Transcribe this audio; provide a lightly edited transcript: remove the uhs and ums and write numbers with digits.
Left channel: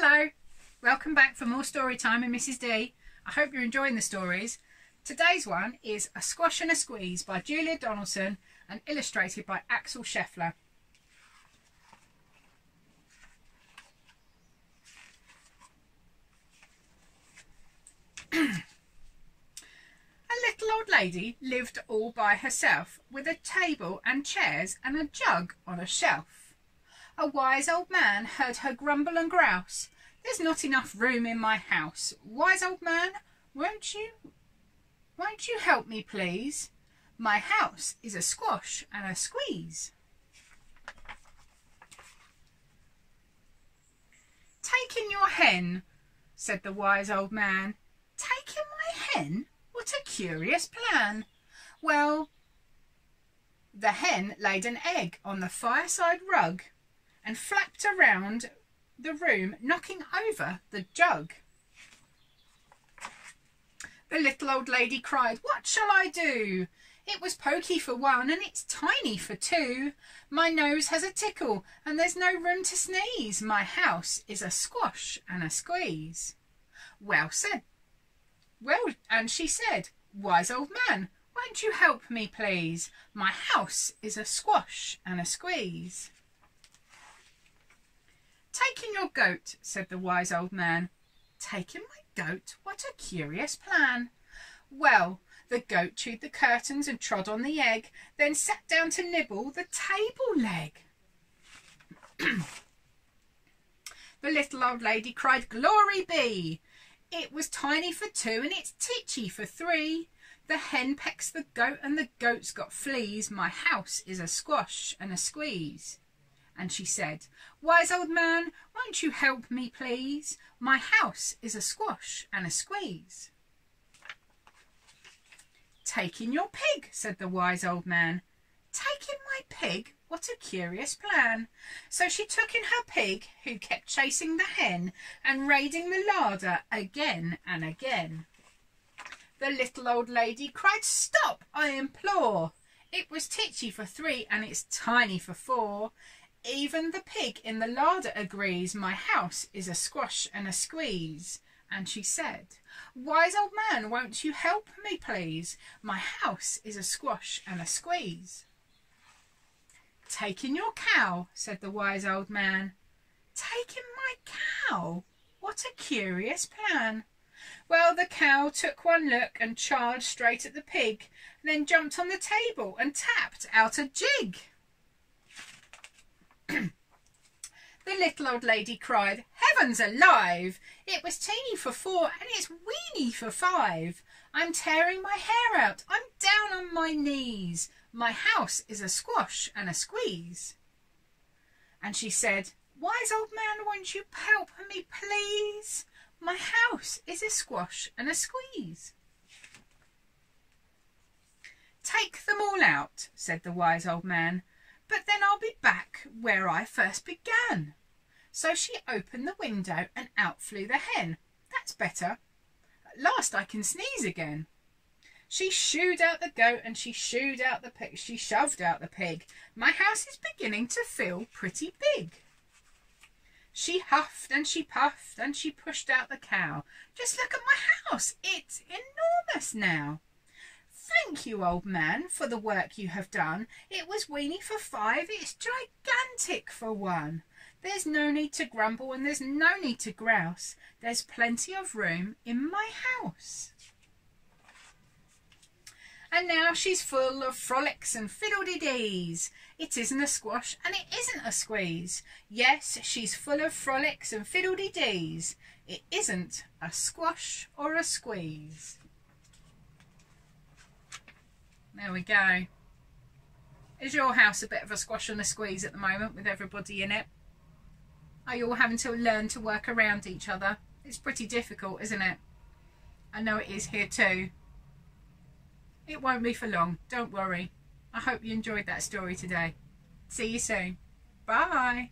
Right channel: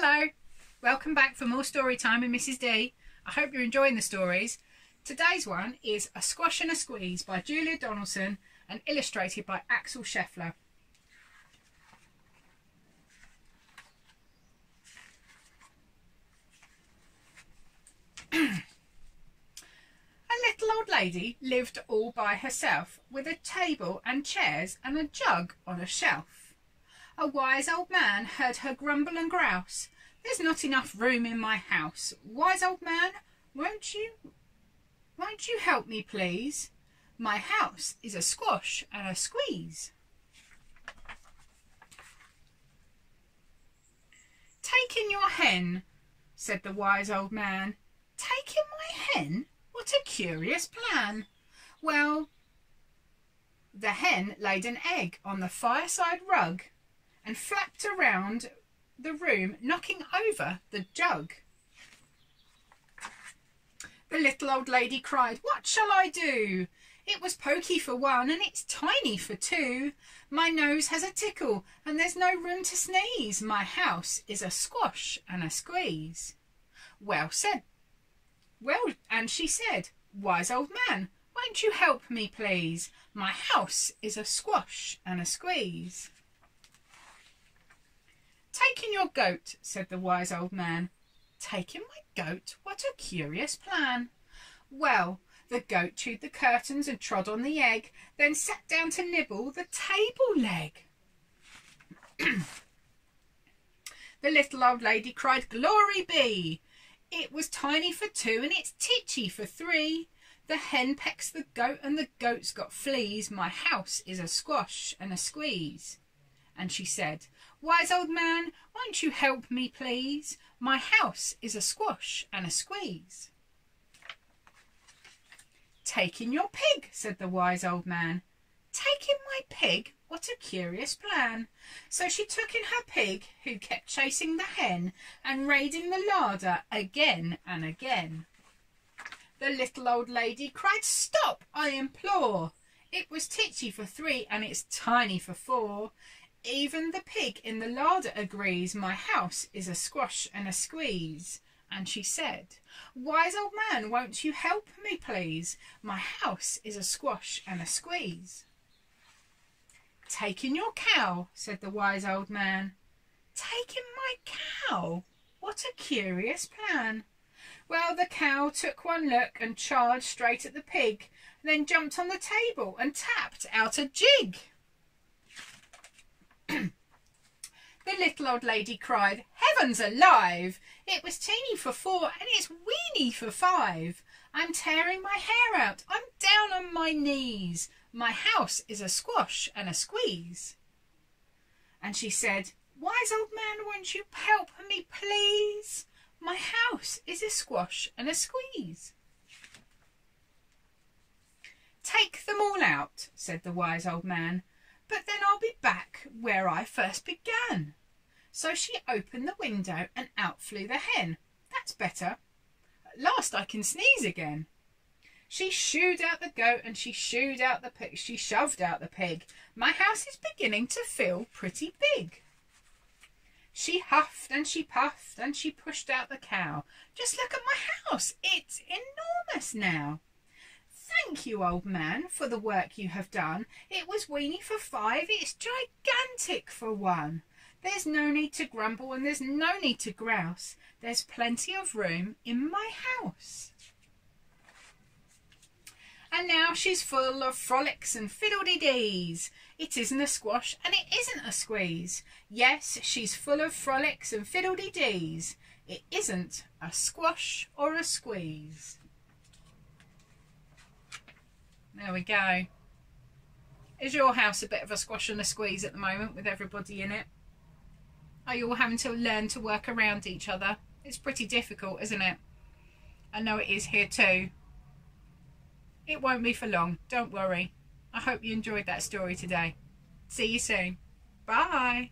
Hello, welcome back for more story time with Mrs. D. I hope you're enjoying the stories. Today's one is A Squash and a Squeeze by Julia Donaldson and illustrated by Axel Scheffler. A little old lady lived all by herself, with a table and chairs and a jug on a shelf. A wise old man heard her grumble and grouse. "There's not enough room in my house. Wise old man, won't you help me, please? My house is a squash and a squeeze." "Take in your hen," said the wise old man. "Take in my hen? What a curious plan." Well, the hen laid an egg on the fireside rug and flapped around the room, knocking over the jug. The little old lady cried, "What shall I do? It was pokey for one and it's tiny for two. My nose has a tickle and there's no room to sneeze. My house is a squash and a squeeze." And she said, "Wise old man, won't you help me, please? My house is a squash and a squeeze." "Take in your goat," said the wise old man. "Take in my goat? What a curious plan." Well, the goat chewed the curtains and trod on the egg, then sat down to nibble the table leg. The little old lady cried, "Glory be! It was tiny for two and it's titchy for three. The hen pecks the goat and the goat's got fleas. My house is a squash and a squeeze." And she said, "Wise old man, won't you help me, please? My house is a squash and a squeeze." "Take in your pig," said the wise old man. "Take in my pig? What a curious plan." So she took in her pig, who kept chasing the hen and raiding the larder again and again. The little old lady cried, "Stop, I implore! It was titchy for three and it's tiny for four. Even the pig in the larder agrees. My house is a squash and a squeeze." And she said, "Wise old man, won't you help me, please? My house is a squash and a squeeze." "Take in your cow," said the wise old man. "Take in my cow? What a curious plan." Well, the cow took one look and charged straight at the pig, then jumped on the table and tapped out a jig. The little old lady cried, "Heavens alive! It was teeny for four and it's weeny for five. I'm tearing my hair out. I'm down on my knees. My house is a squash and a squeeze." And she said, "Wise old man, won't you help me, please? My house is a squash and a squeeze." "Take them all out," said the wise old man, "but then I'll be back where I first began." So she opened the window and out flew the hen. "That's better. At last I can sneeze again." She shooed out the goat and she shooed out the pig. She shoved out the pig. "My house is beginning to feel pretty big." She huffed and she puffed and she pushed out the cow. "Just look at my house. It's enormous now." "Thank you, old man, for the work you have done. It was weeny for five. It's gigantic for one. There's no need to grumble and there's no need to grouse. There's plenty of room in my house." And now she's full of frolics and fiddle-de-dees. It isn't a squash and it isn't a squeeze. Yes, she's full of frolics and fiddle-de-dees. It isn't a squash or a squeeze. There we go. Is your house a bit of a squash and a squeeze at the moment with everybody in it? Are you all having to learn to work around each other? It's pretty difficult, isn't it? I know it is here too. It won't be for long, don't worry. I hope you enjoyed that story today. See you soon. Bye.